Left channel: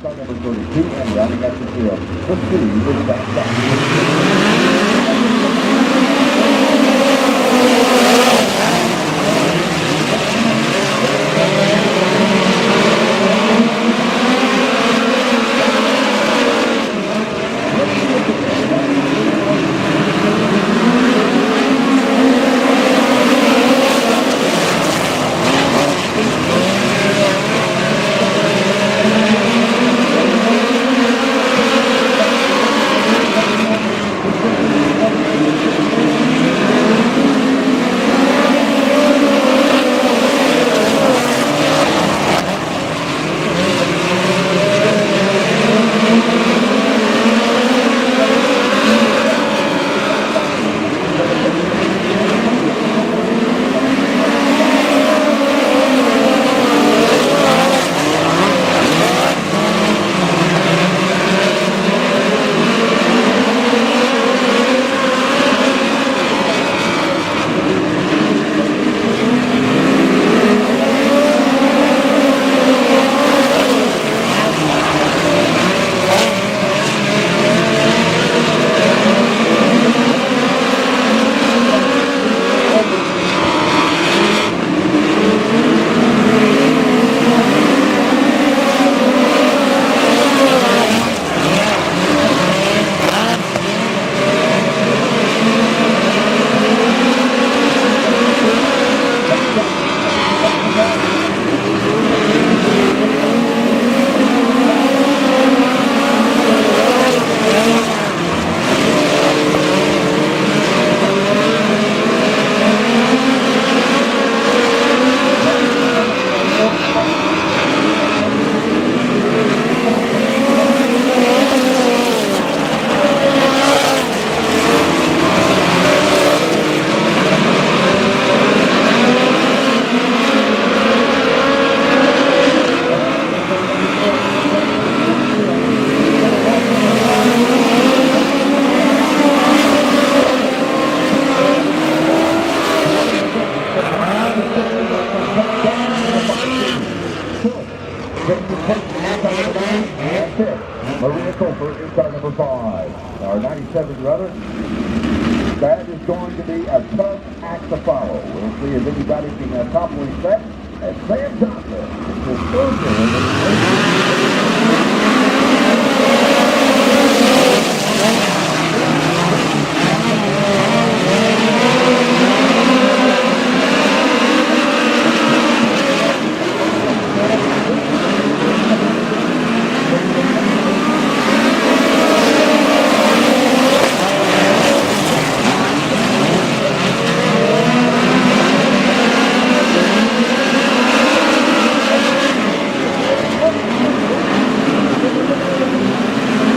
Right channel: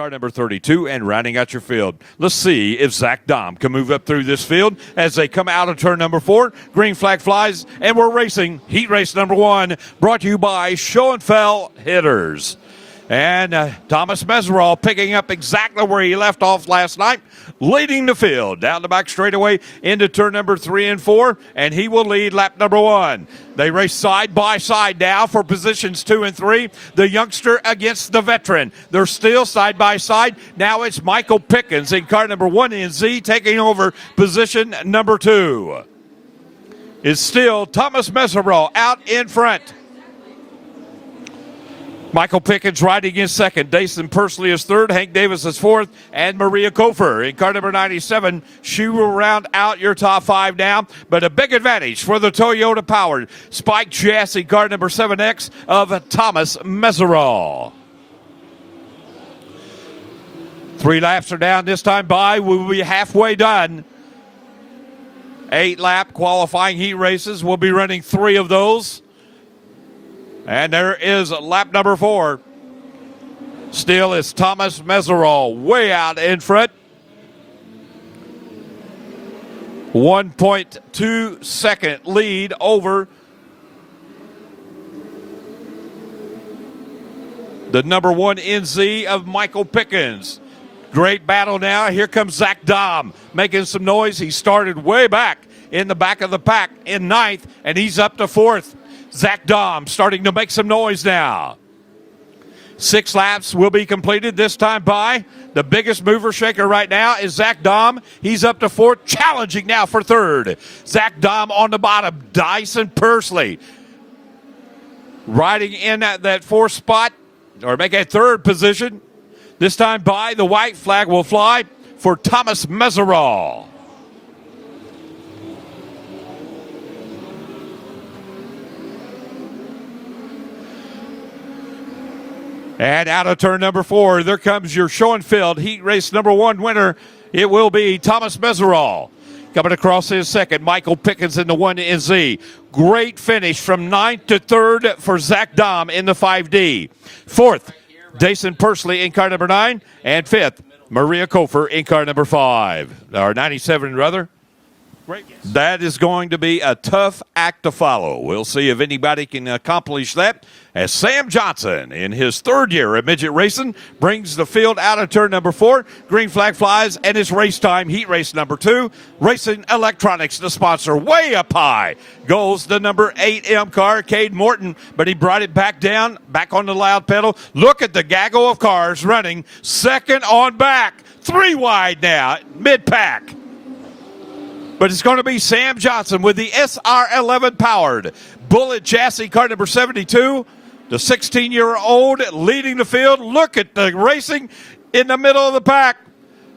car number 32 and rounding out your field. Let's see if Zach Dom can move up through this field as they come out of turn number 4. Green flag flies and we're racing. Heat race number 1 brought to you by Schoenfeld Hitters. And Thomas Meserol picking up exactly where he left off last night, leading the field down the back straightaway into turn number 3 and 4, and he will lead lap number 1. They race side by side now for positions 2 and 3. The youngster against the veteran. They're still side by side. Now it's Michael Pickens in car number 1 and C taking over position number 2. It's still Thomas Meserol out in front. Michael Pickens riding in second. Jason Persley is third. Hank Davis is fourth. And Maria Bofer in car number 97. She will round out your top 5 now. But a big advantage for the Toyota powered Spike Jess in car number 7X of Thomas Meserol. 3 laps down this time by. We'll be halfway done. 8 lap qualifying heat races. We'll be running 3 of those. And there is lap number 4. Still is Thomas Meserol way out in front. 1.2 second lead over the number 1 NC of Michael Pickens. Great battle now. Here comes Zach Dom making some noise. He started way back in the back of the pack in 9th, and he's up to 4th. Zach Dom starting to make some noise now. 6 laps will be completed this time by. The biggest mover shaker right now is Zach Dom. He's up to 4th, challenging now for 3rd. Zach Dom on the bottom. Dyson Persley riding in at that 4th spot, or making 3rd position. This time by, the white flag will fly for Thomas Meserol. And out of turn number 4, there comes your Schoenfeld heat race number 1 winner. It will be Thomas Meserol. Coming across in second, Michael Pickens in the 1 NZ. Great finish from 9th to 3rd for Zach Dom in the 5D. 4th, Jason Persley in car number 9. And 5th, Maria Kofer in car number 5. Or 97 rather. That is going to be a tough act to follow. We'll see if anybody can accomplish that. As Sam Johnson, in his 3rd year in midget racing, brings the field out of turn number 4. Green flag flies, and it's race time. Heat race number 2. Racing Electronics, the sponsor, way up high. Goes the number 8M car, Kate Norton, but he brought it back down, back on the loud pedal. Look at the gaggle of cars running. 2nd on back. 3 wide now, mid-pack. But it's going to be Sam Johnson with the SR11 power. Bullet chassis, car number 72. The 16-year-old leading the field. Look at the racing in the middle of the pack.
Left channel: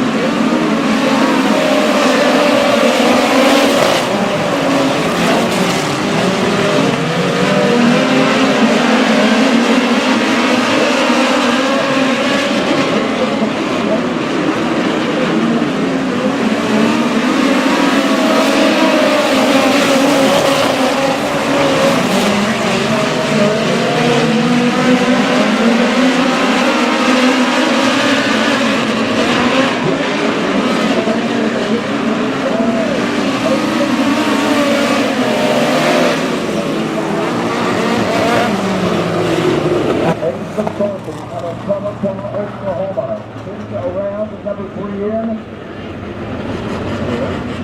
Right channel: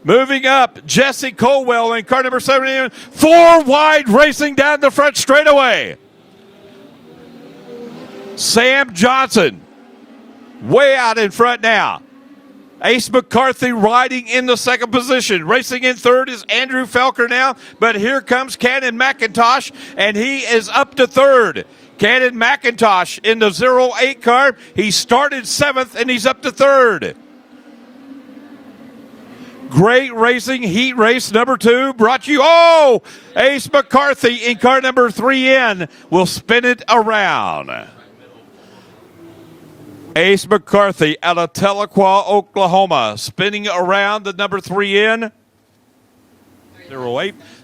Moving up, Jesse Colwell in car number 70. 4 wide racing down the front straightaway. Sam Johnson way out in front now. Ace McCarthy riding into 2nd position. Racing in 3rd is Andrew Felker now, but here comes Cannon McIntosh, and he is up to 3rd. Cannon McIntosh in the 08 car. He started 7th, and he's up to 3rd. Great racing, heat race number 2, brought to you, Ace McCarthy in car number 3N will spin it around. Ace McCarthy out of Tahlequah, Oklahoma, spinning around the number 3N.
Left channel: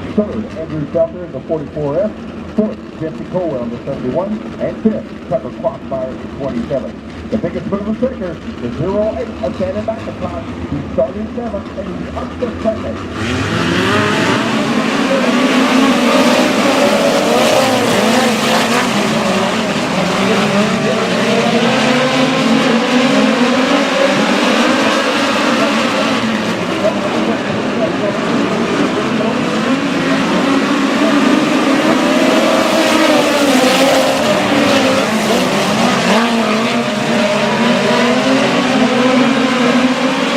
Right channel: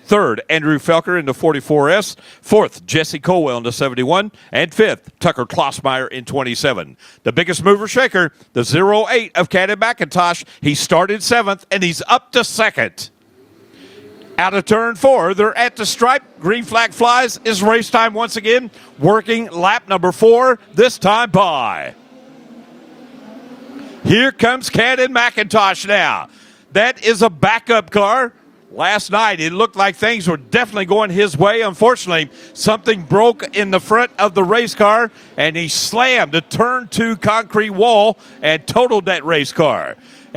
3rd, Andrew Felker in the 44S. 4th, Jesse Colwell in the 71. And 5th, Tucker Klossmeyer in 27. The biggest mover shaker, the 08 of Cannon McIntosh. He started 7th, and he's up to 2nd. Out of turn 4, they're at the stripe. Green flag flies. It's race time once again. Working lap number 4, this time by. Here comes Cannon McIntosh now. That is a backup car. Last night, it looked like things were definitely going his way. Unfortunately, something broke in the front of the race car, and he slammed the turn 2 concrete wall and totaled that race car.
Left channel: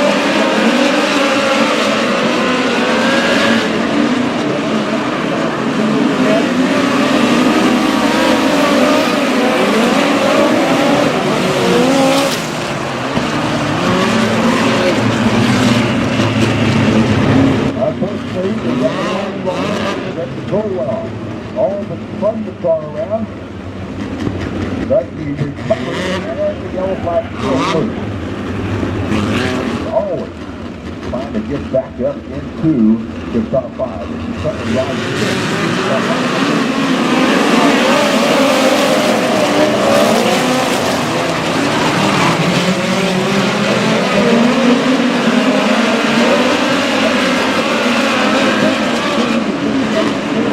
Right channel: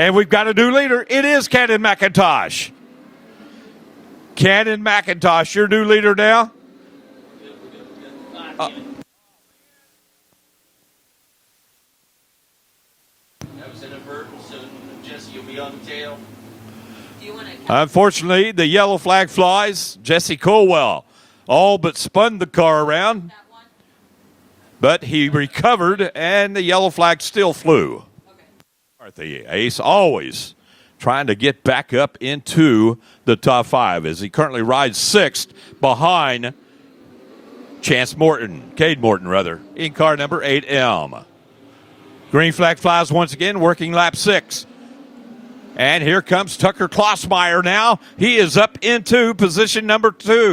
And we've got a new leader. It is Cannon McIntosh. Cannon McIntosh, your new leader now. Unfortunately, the yellow flag flies. Jesse Colwell all but spun the car around, but he recovered and the yellow flag still flew. He's always trying to get back up into the top 5 as he currently rides 6th behind Chance Morton, Cade Morton, in car number 8L. Green flag flies once again, working lap 6. And here comes Tucker Klossmeyer now. He is up into position number 2.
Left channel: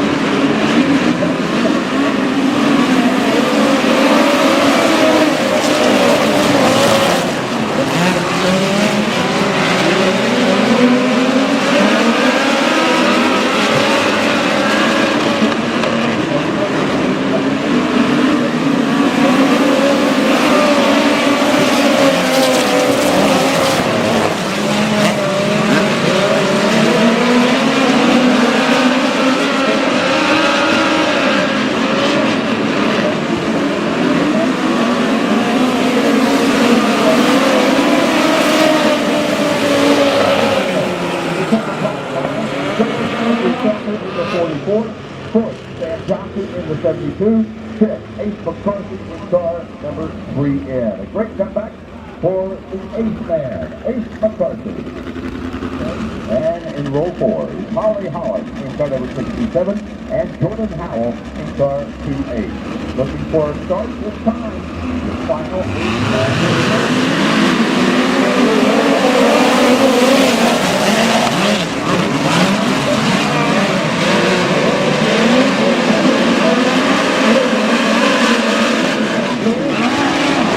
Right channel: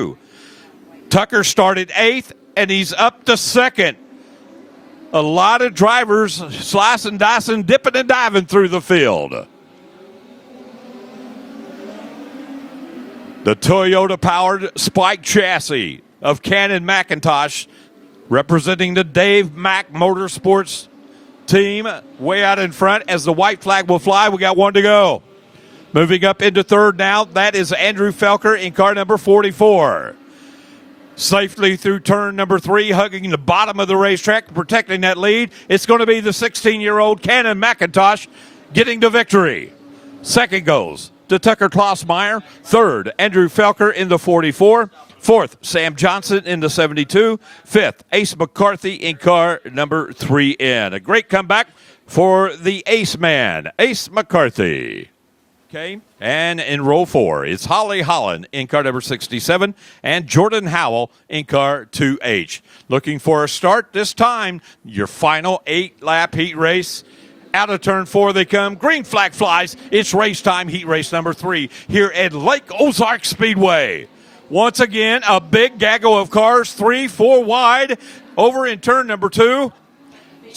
Tucker started 8th, and he's up to 2nd. A lot of drivers slicing, dicing, dipping and diving through the field. The Toyota-powered Spike chassis of Cannon McIntosh, representing the Dave Mack Motorsports team, way out in front as the white flag will fly. We got one to go. Moving up into 3rd now, that is Andrew Felker in car number 44. Safely through turn number 3, hugging the bottom of the racetrack, protecting that lead. It's going to be the 16-year-old Cannon McIntosh getting the victory. 2nd goes to Tucker Klossmeyer. 3rd, Andrew Felker in the 44. 4th, Sam Johnson in the 72. 5th, Ace McCarthy in car number 3N. A great comeback for the Ace man, Ace McCarthy. Okay. And in row 4 is Holly Holland in car number 67 and Jordan Howell in car 2H. Looking for a start this time. Your final 8-lap heat race. Out of turn 4 they come. Green flag fly. It's race time. Heat race number 3 here at Lake Ozark Speedway. Once again, a big gaggle of cars, 3-4 wide. Over in turn number 2.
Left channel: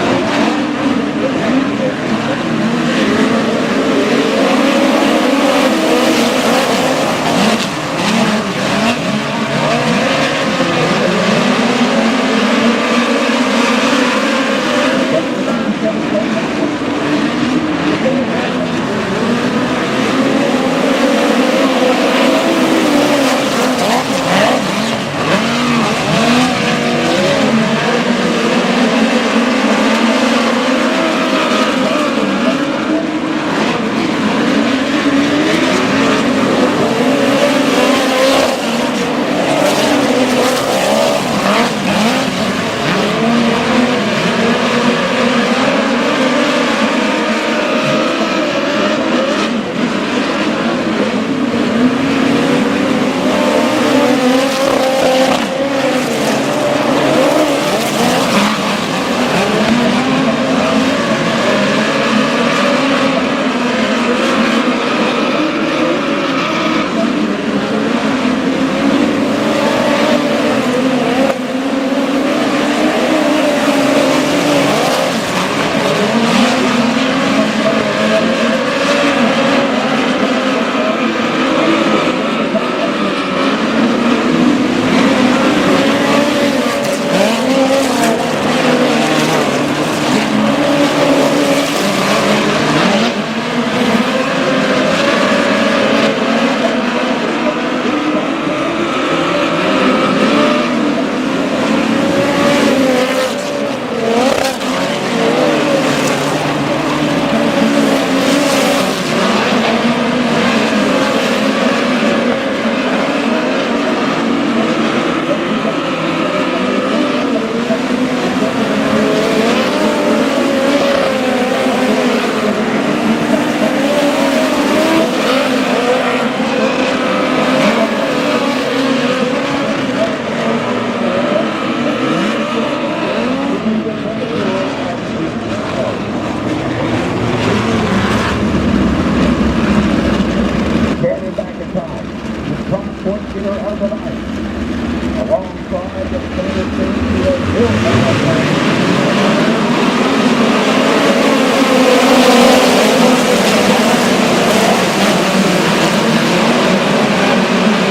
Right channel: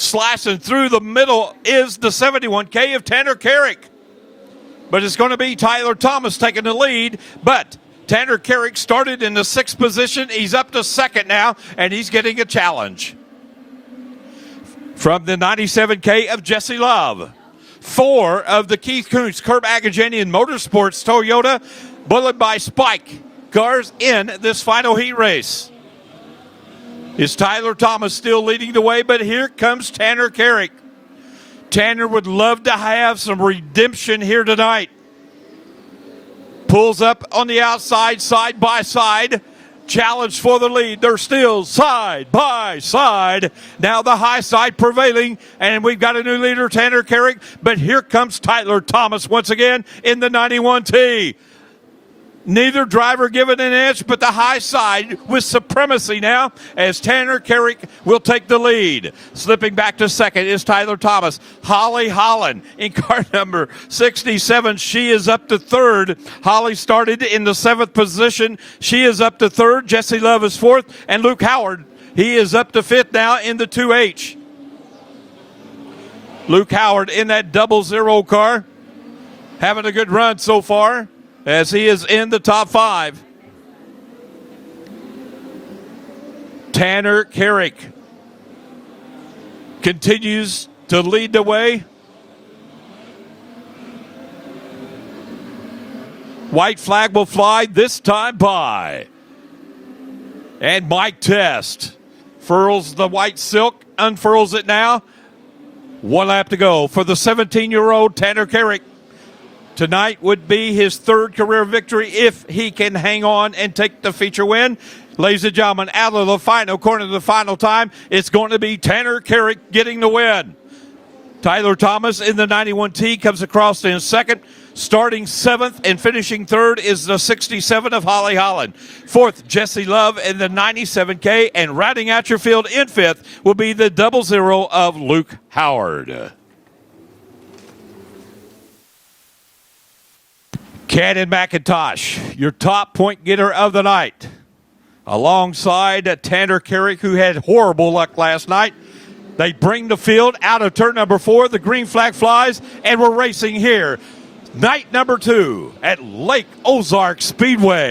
Slashing through the middle is the 71K of Tanner Carey. But it's going to be Tyler Thomas taking the lead. But Tanner Carey started in the 6th position. He's up to 2nd now, and he's getting a challenge from the 97K of Jesse Love. 4 of the Keith Coons Kurt Agajanian Motorsports Toyota, bullet by Spike, guard in this final heat race. Is Tyler Thomas still leading the way, but here comes Tanner Carey. Tanner would love to have some redemption here tonight. Pulls up on the outside, side by side. Challenge for the lead. They're still side by side. Now the high side prevailing. And we've got a new leader, Tanner Carey. But here comes Tyler Thomas once again in the 91T. Neither driver giving an answer with the high side with supremacy now as Tanner Carey will take the lead. Slipping back to 2nd is Tyler Thomas. Holly Holland in car number 67. She is up to 3rd. Holly started in the 7th position. She is up to 3rd. Jesse Love is 4th. And Luke Howard, he is up to 5th now in the 2H. Luke Howard in that 00 car. Having a good run so far as he is in the top 5. Tanner Carey continues to lead the way. White flag will fly this time by. And Mike Test furls the white silk, unfurls it now. 1 lap to go for the 17-year-old Tanner Carey. Tonight would be his 3rd career victory if he can hang on and take the feature win. Ladies and gentlemen, out of the final quarter of the final time, it's going to be Tanner Carey getting the win. Tyler Thomas in the 91T comes across in 2nd. Starting 7th and finishing 3rd is the 67 of Holly Holland. 4th, Jesse Love in the 97K. And rounding out your field in 5th will be the 00 of Luke Howard. Cannon McIntosh, your top point getter of the night. Alongside Tanner Carey, who had horrible luck last night. They bring the field out of turn number 4. The green flag flies, and we're racing here. Night number 2 at Lake Ozark Speedway.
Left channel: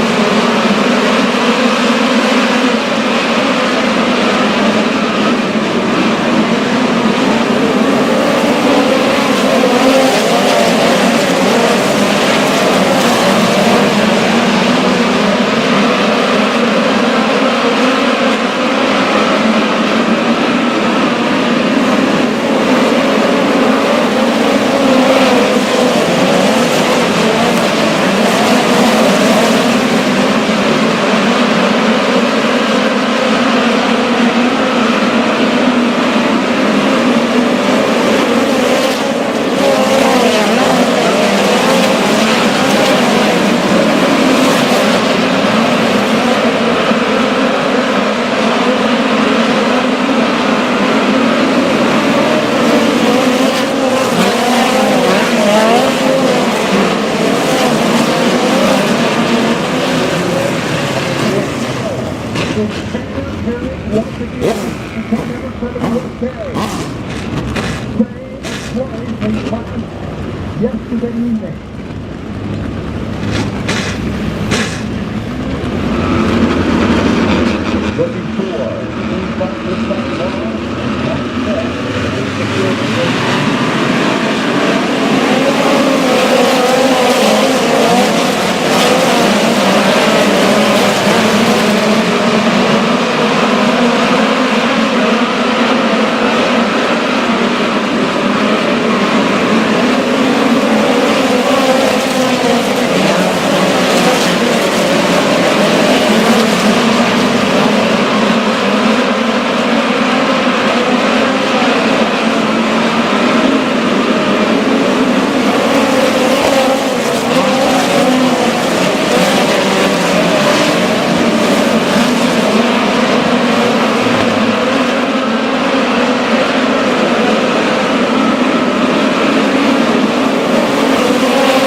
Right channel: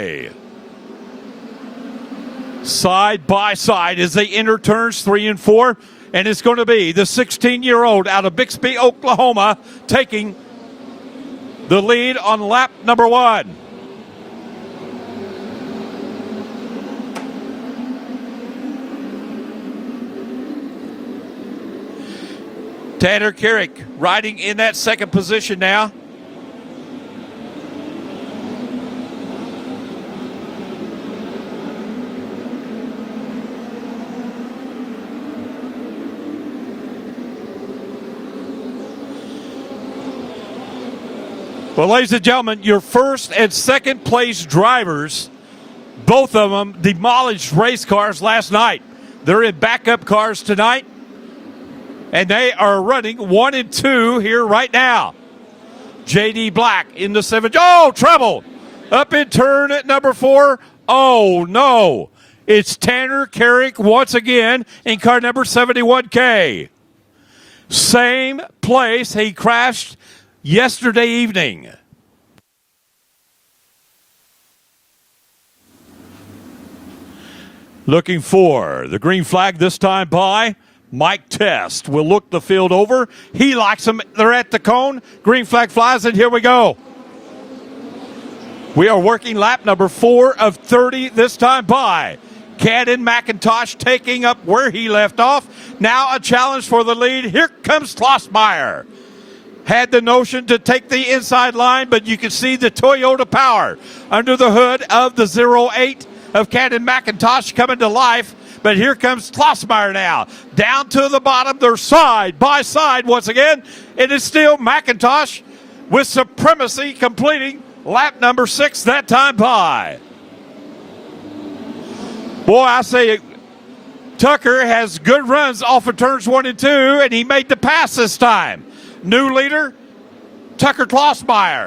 Side by side as they enter turns 3 and 4. And it's going to be the 16-year-old out of Bixby, Oklahoma, taking the lead on lap number 1. Tanner Carey riding in that 2nd position now. your first and second place drivers. Both of them demolished race cars last night. They're in backup cars tonight, and they are running 1 and 2 here right now. J.D. Black in the 7. Oh, trouble! Up in turn at number 4. Oh, no. It's Tanner Carrick once again in car number 71K. Same place he crashed yesterday evening. Looking for the green flag this time by Mike Test. Will look the field over. He likes them. They're at the cone. Green flag flies, and here we go. We are working lap number 4 of the first this time by Cannon McIntosh taking up where he left off. Now a challenge for the lead. Here comes Klossmeyer. Had the notion to take the inside line, but you can see the Toyota power under the hood of the 08 of Cannon McIntosh coming to life. But here comes Klossmeyer now. Down to the bottom. They're side by side once again. It is still McIntosh with supremacy completing lap number 6 that time by. Boy, I say it. Tucker has good runs off of turns 1 and 2, and he made the pass this time. New leader, Tucker Klossmeyer.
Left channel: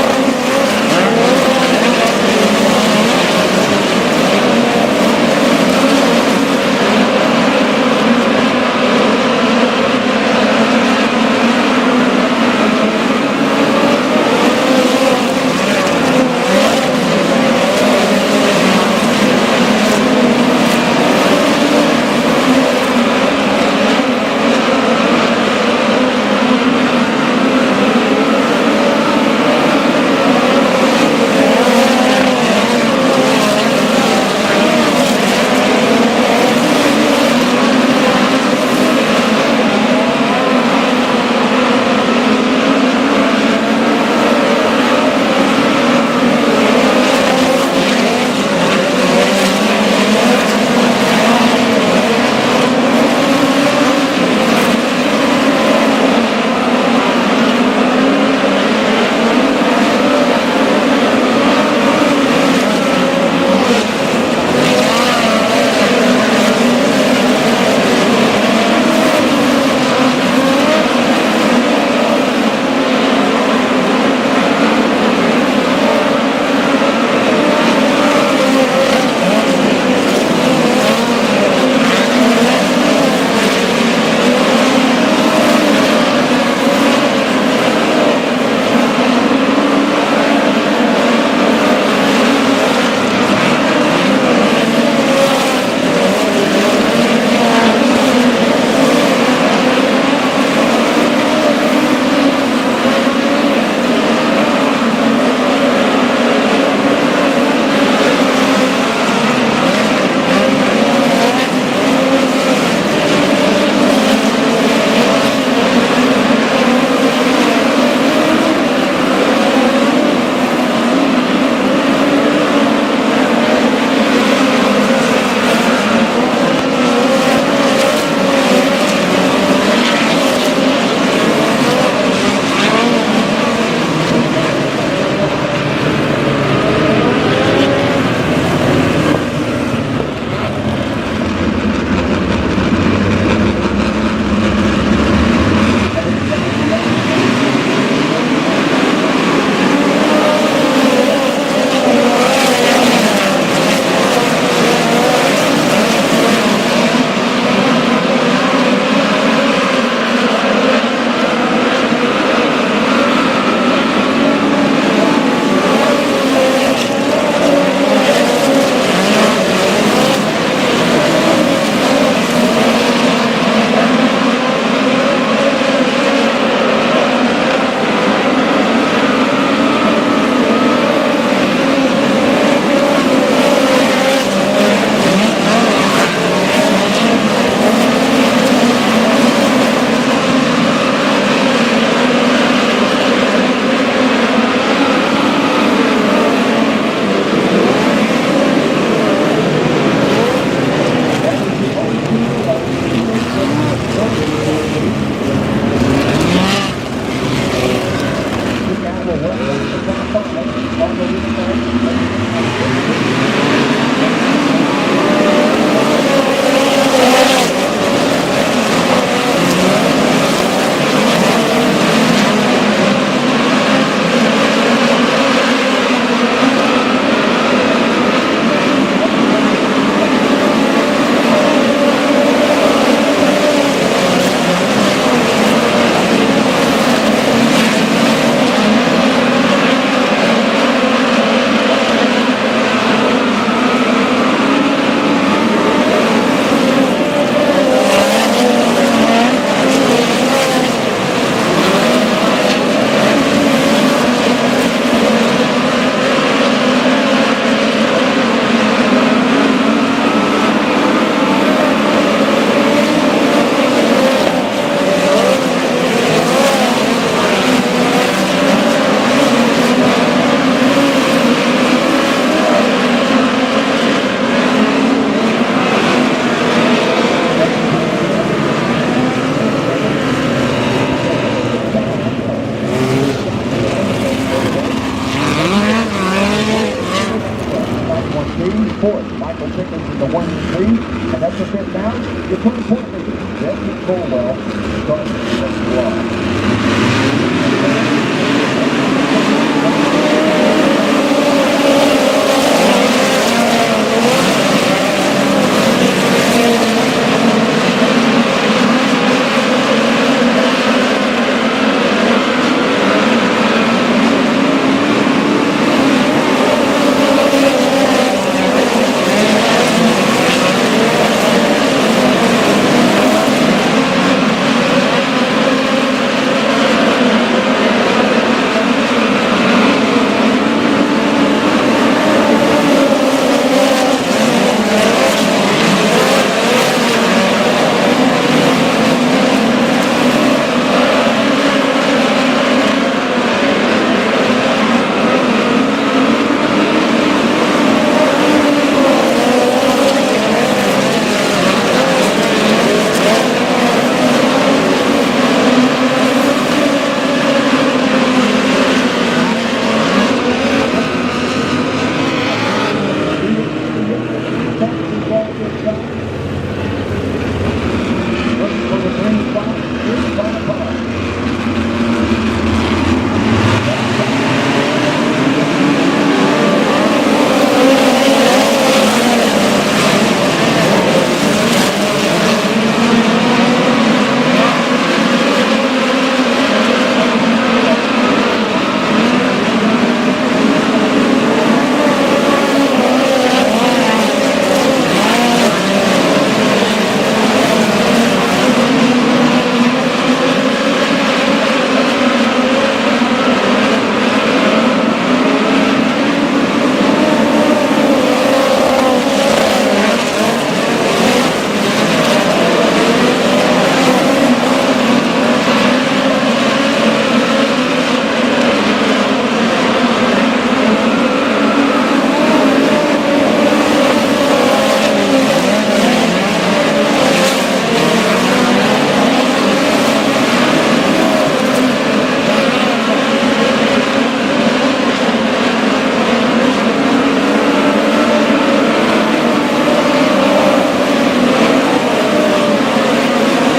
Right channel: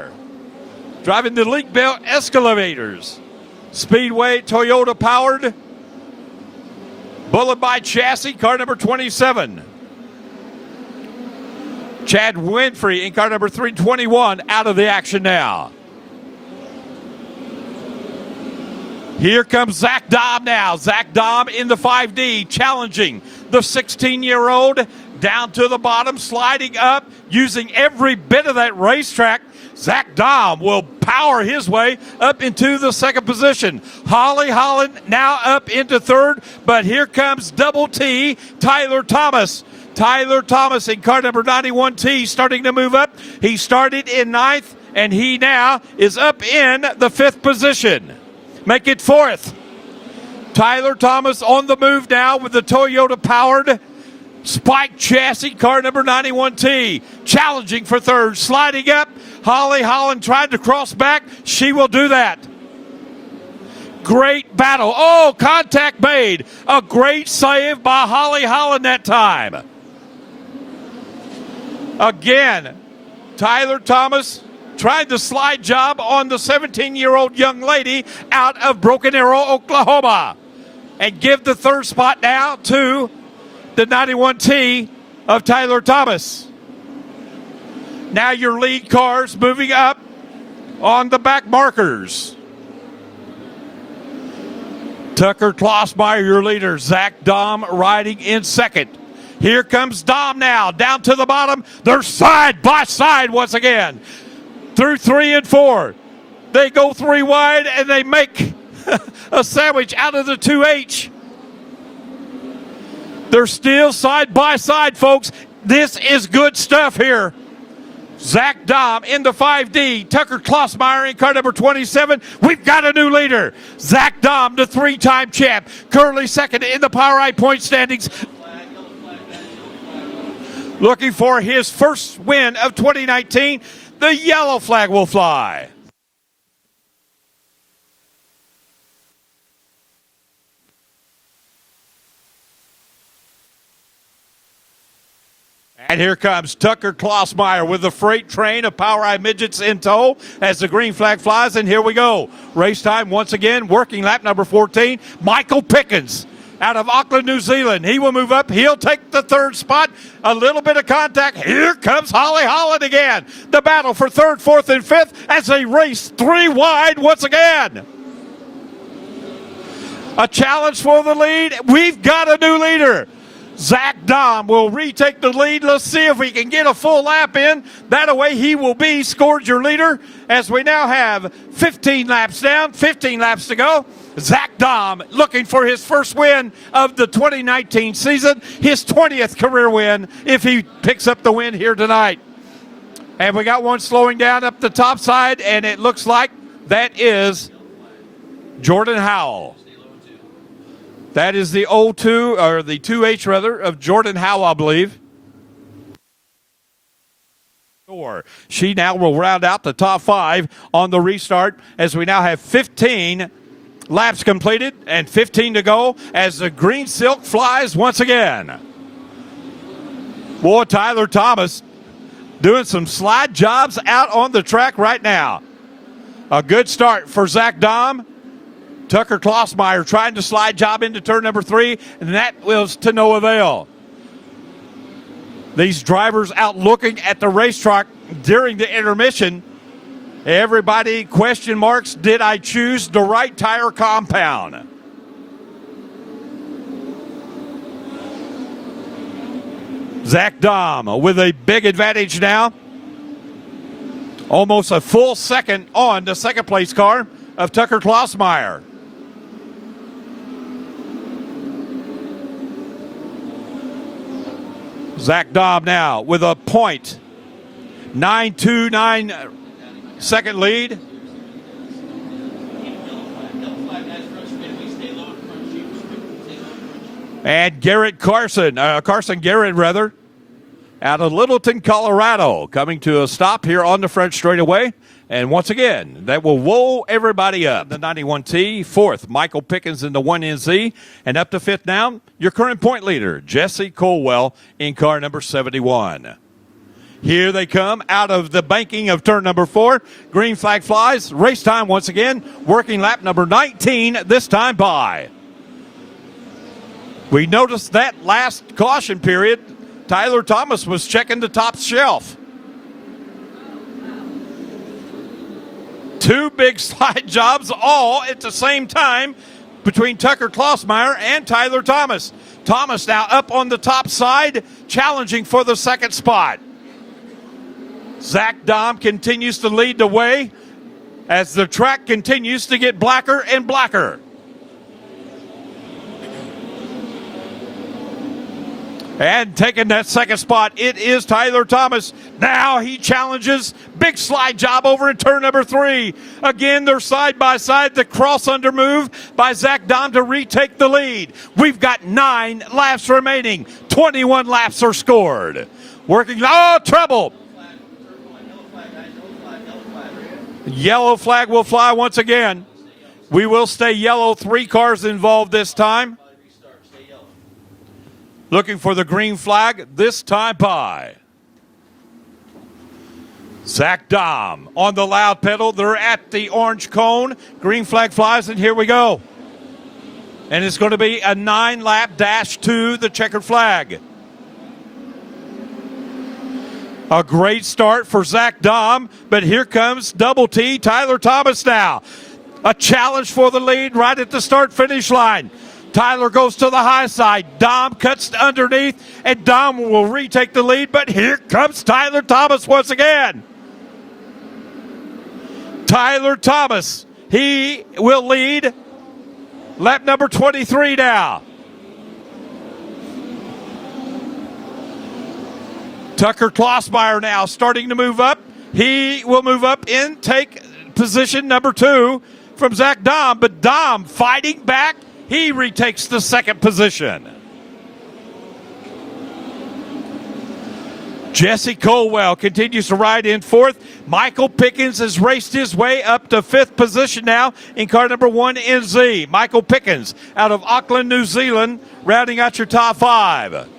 Driving to Linfield, escalating. Speedway, Toyota powered. Bonafide chassis, car number 27. Chad Winfrey, car number 321, out of the action now. Here comes Zach Dom now. Zach Dom in the 5D, challenging the 16-year-old down to the bottom, sliding up, using every bit of that racetrack. Zach Dom will power his way up into the second position. Holly Holland now up into third, but here comes double T, Tyler Thomas. Tyler Thomas in car number 91T starting to move up. He started in 9th, and he now is up in the 5th position. Making 4th. Tyler Thomas on the move now. The Toyota powered Spike chassis car number 91T. Challenging for 3rd. Sliding up. Holly Holland trying to cross back. She will do that. Great battle. Oh, contact made. A great save by Holly Holland that time. Again, Tyler Thomas trying to slide job on the 17-year-old young lady out of Broken Arrow, Oklahoma, and give the 3rd spot down to the 91T of Tyler Thomas. Now your lead cars moving up on the back markers. Tucker Klossmeyer, your leader. Zach Dom riding in 2nd. Here comes Dom now, down to the bottom. They're side by side once again. Through 3 and 4. They go 3 wide and they make a sandwich out of the 2H. They're still side by side, folks. This is good stuff here. Zach Dom in the 5D. Tucker Klossmeyer in car number 27. We've got a new leader. Zach Dom, the 3-time champ. Currently 2nd in the POWRi point standings. Looking for his first win of 2019. The yellow flag will fly. And here comes Tucker Klossmeyer with the freight train of POWRi Midgets in tow as the green flag flies, and here we go. Race time once again, working back number 14, Michael Pickens out of Auckland, New Zealand. He will move up. He'll take the 3rd spot. A little bit of contact. Here comes Holly Holland again. The battle for 3rd, 4th, and 5th as they race 3 wide once again. A challenge for the lead. We've got a new leader. Zach Dom will retake the lead. Let's see if we can get a full lap in. That way he will be scored your leader as we now have 15 laps down, 15 laps to go. Zach Dom looking for his first win of the 2019 season, his 20th career win if he picks up the win here tonight. And we got one slowing down up the top side, and it looks like that is Jordan Howell. That is the 02, or the 2H rather, of Jordan Howell, I believe. She now will round out the top 5 on the restart as we now have 15 laps completed and 15 to go as the green silk flies once again. For Tyler Thomas doing some slide jobs out on the track right now. A good start for Zach Dom. Tucker Klossmeyer trying to slide job into turn number 3. That was to no avail. These drivers out looking at the racetrack during the intermission. Everybody question marks, did I choose the right tire compound? Zach Dom with a big advantage now. Almost a full second on the second place car of Tucker Klossmeyer. Zach Dom now with a .929 second lead. And Carson Garrett rather, out of Littleton, Colorado, coming to a stop here on the French straightaway. And once again, that will roll everybody up. The 91T, 4th, Michael Pickens in the 1NZ. And up to 5th now, your current point leader, Jesse Colwell in car number 71. Here they come out of the banking of turn number 4. Green flag flies. Race time once again. Working lap number 19, and this time by. We noticed that last caution period, Tyler Thomas was checking the top shelf. 2 big slide jobs all at the same time between Tucker Klossmeyer and Tyler Thomas. Thomas now up on the top side, challenging for the second spot. Zach Dom continues to lead the way as the track continues to get blacker and blacker. And taking that second spot, it is Tyler Thomas. Now he challenges. Big slide job over in turn number 3. Again, they're side by side. The cross under move by Zach Dom to retake the lead. We've got 9 laps remaining. 21 laps are scored. Working, trouble. Yellow flag will fly once again. We will stay yellow. 3 cars involved this time. Looking for the green flag this time by. Zach Dom on the loud pedal. They're at the orange cone. Green flag flies, and here we go. And it's going to be a 9-lap dash to the checkered flag. A great start for Zach Dom, but here comes Double T, Tyler Thomas now. A challenge for the lead right at the start-finish line. Tyler goes to the high side. Dom cuts underneath, and Dom will retake the lead, but here comes Tyler Thomas once again. Tyler Thomas, he will lead lap number 23 now. Tucker Klossmeyer now starting to move up. He will move up and take position number 2 from Zach Dom, but Dom fighting back. He retakes the second position. Jesse Colwell continues to ride in 4th. Michael Pickens has raced his way up to 5th position now in car number 1NZ. Michael Pickens out of Auckland, New Zealand, rounding out your top 5.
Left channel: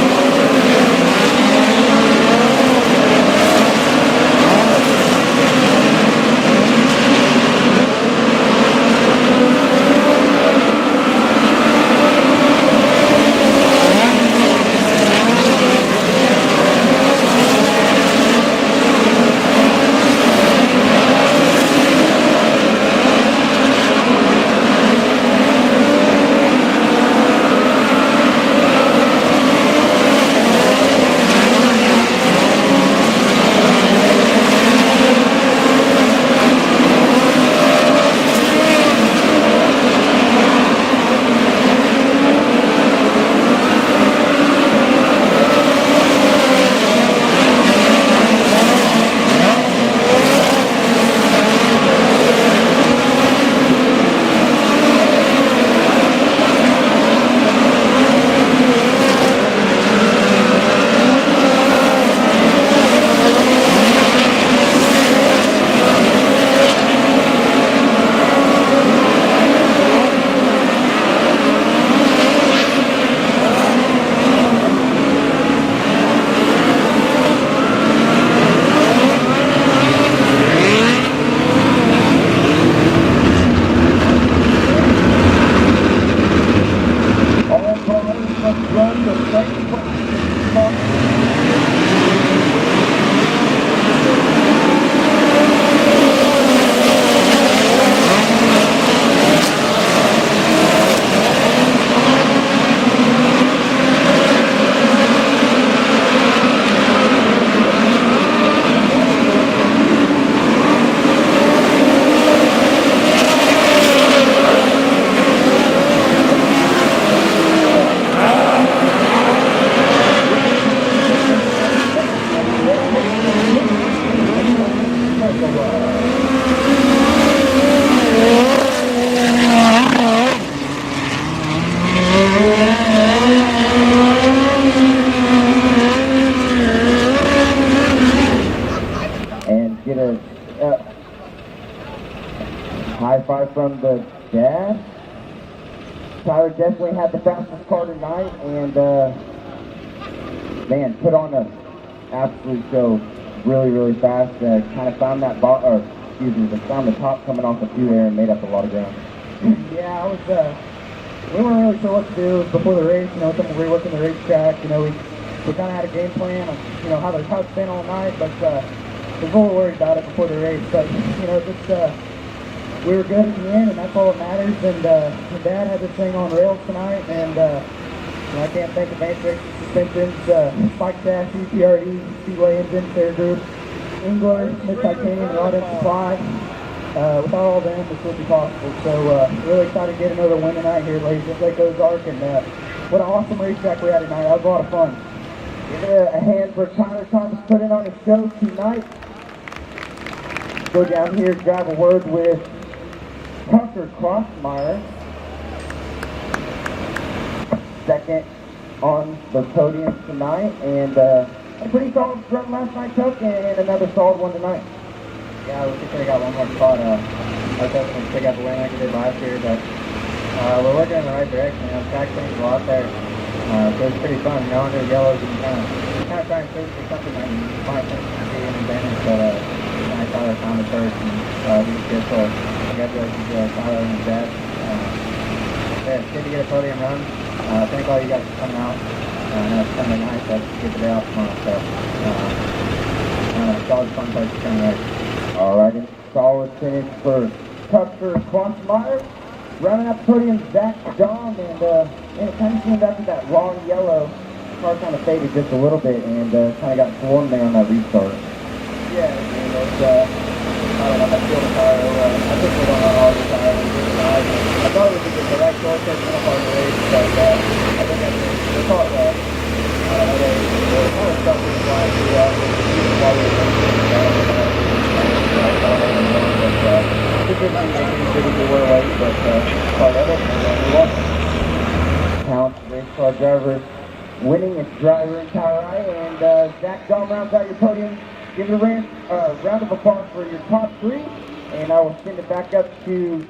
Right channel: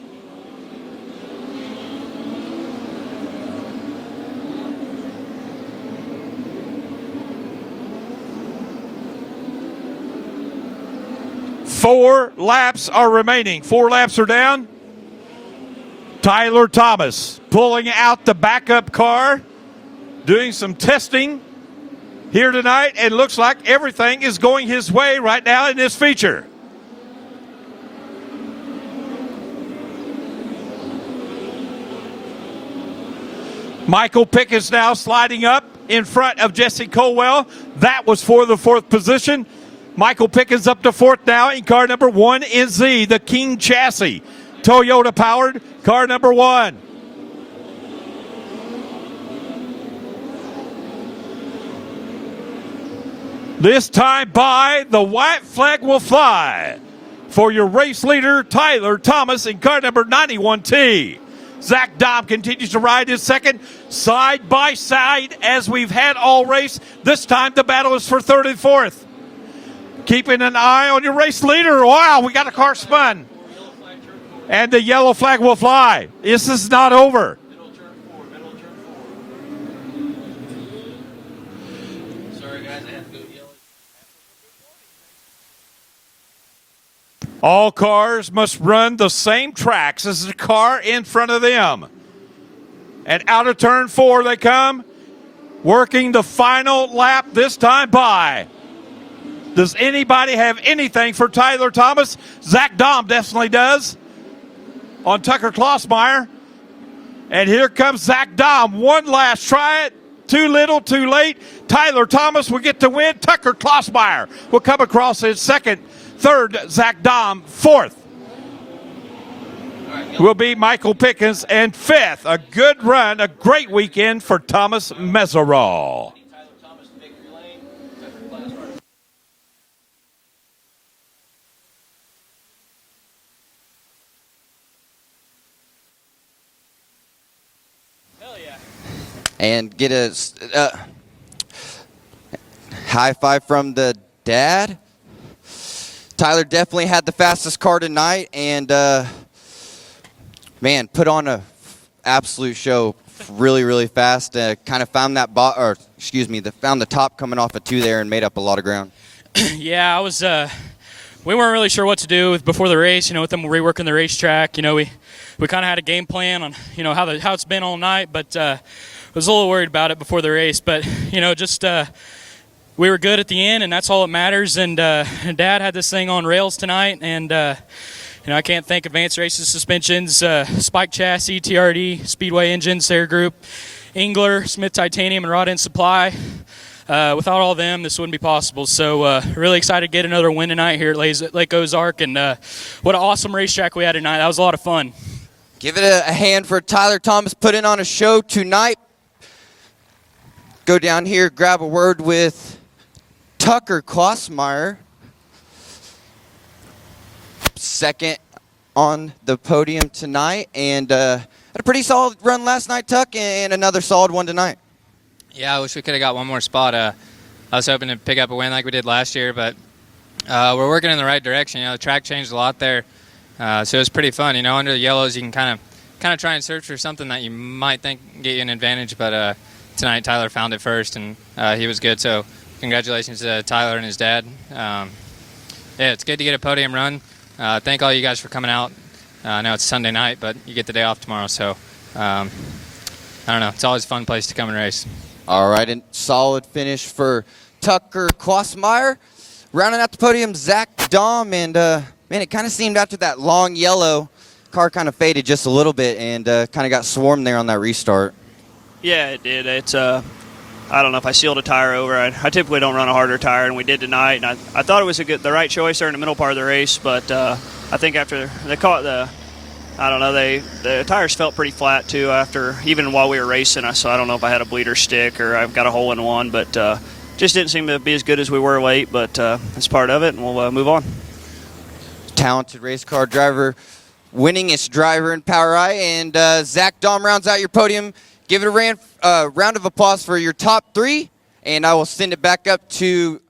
Remaining 4 laps are down. Tyler Thomas pulling out the backup car, doing some testing here tonight. It looks like everything is going his way right now in this feature. Michael Pickens now sliding up in front of Jesse Colwell. That was for the 4th position. Michael Pickens up to 4th now in car number 1NZ, the King Chassis. Toyota powered, car number 1. This time by, the white flag will fly for your race leader, Tyler Thomas, in car number 91T. Zach Dom continues to ride in 2nd, side by side. will fly. This is not over. All cars must run the same tracks as the car in front of them. And out of turn 4 they come, working the final lap this time by. Does anybody have anything for Tyler Thomas? Zach Dahm definitely does. On Tucker Klossmeyer. And here comes Zach Dahm. One last try. Too little, too late. Tyler Thomas will get the win. Tucker Klossmeyer will come across in second. Third, Zach Dahm. Fourth will be Michael Pickens. And fifth, a good run, a great weekend for Thomas Meseraull. And get a high five from the dad. Tyler definitely had the fastest car tonight, and man, put on a absolute show. Really, really fast. Kind of found that found the top coming off of 2 there and made up a lot of ground. Yeah, I was. We weren't really sure what to do before the race. With them reworking the racetrack, we kind of had a game plan on how it's been all night, but was a little worried about it before the race. But we were good at the end, and that's all that matters. And Dad had this thing on rails tonight, and I can't thank Advanced Racing Suspensions, Spike Chassis, TRD, Speedway Engine, Sayre Group, Engler, Smith Titanium, and Rod End Supply. Without all of them, this wouldn't be possible. So really excited to get another win tonight here at Lake Ozark, and what an awesome racetrack we had tonight. That was a lot of fun. Give it a hand for Tyler Thomas putting on a show tonight. Go down here, grab a word with Tucker Klossmeyer. Second on the podium tonight, and had a pretty solid run last night, Tuck, and another solid one tonight. Yeah, I wish we could have got one more spot. I was hoping to pick up a win like we did last year, but we're working in the right direction. The track changed a lot there, so it was pretty fun. Under the yellows, you can kind of try and search for something that you might think would get you an advantage, but tonight Tyler found it first, and he was good. So congratulations to Tyler and his dad. Yeah, it's good to get a podium run. Thank all you guys for coming out. I know it's Sunday night, but you get the day off tomorrow, so I don't know. It's always a fun place to come and race. All right, and solid finish for Tucker Klossmeyer. Rounding out the podium, Zach Dahm, and man, it kind of seemed after that long yellow, car kind of faded just a little bit and kind of got swarmed there on that restart. Yeah, it did. It's I don't know if I sealed a tire over. I typically don't run a harder tire, and we did tonight. And I thought it was the right choice there in the middle part of the race, but I think after they caught the tires felt pretty flat too after, even while we were racing. So I don't know if I had a bleeder stick or I got a hole in one, but just didn't seem to be as good as we were late. But it's part of it. We'll move on. Talented race car driver, winningest driver in POWRi, and Zach Dahm rounds out your podium. Give it a round of applause for your top 3, and I will send it back up to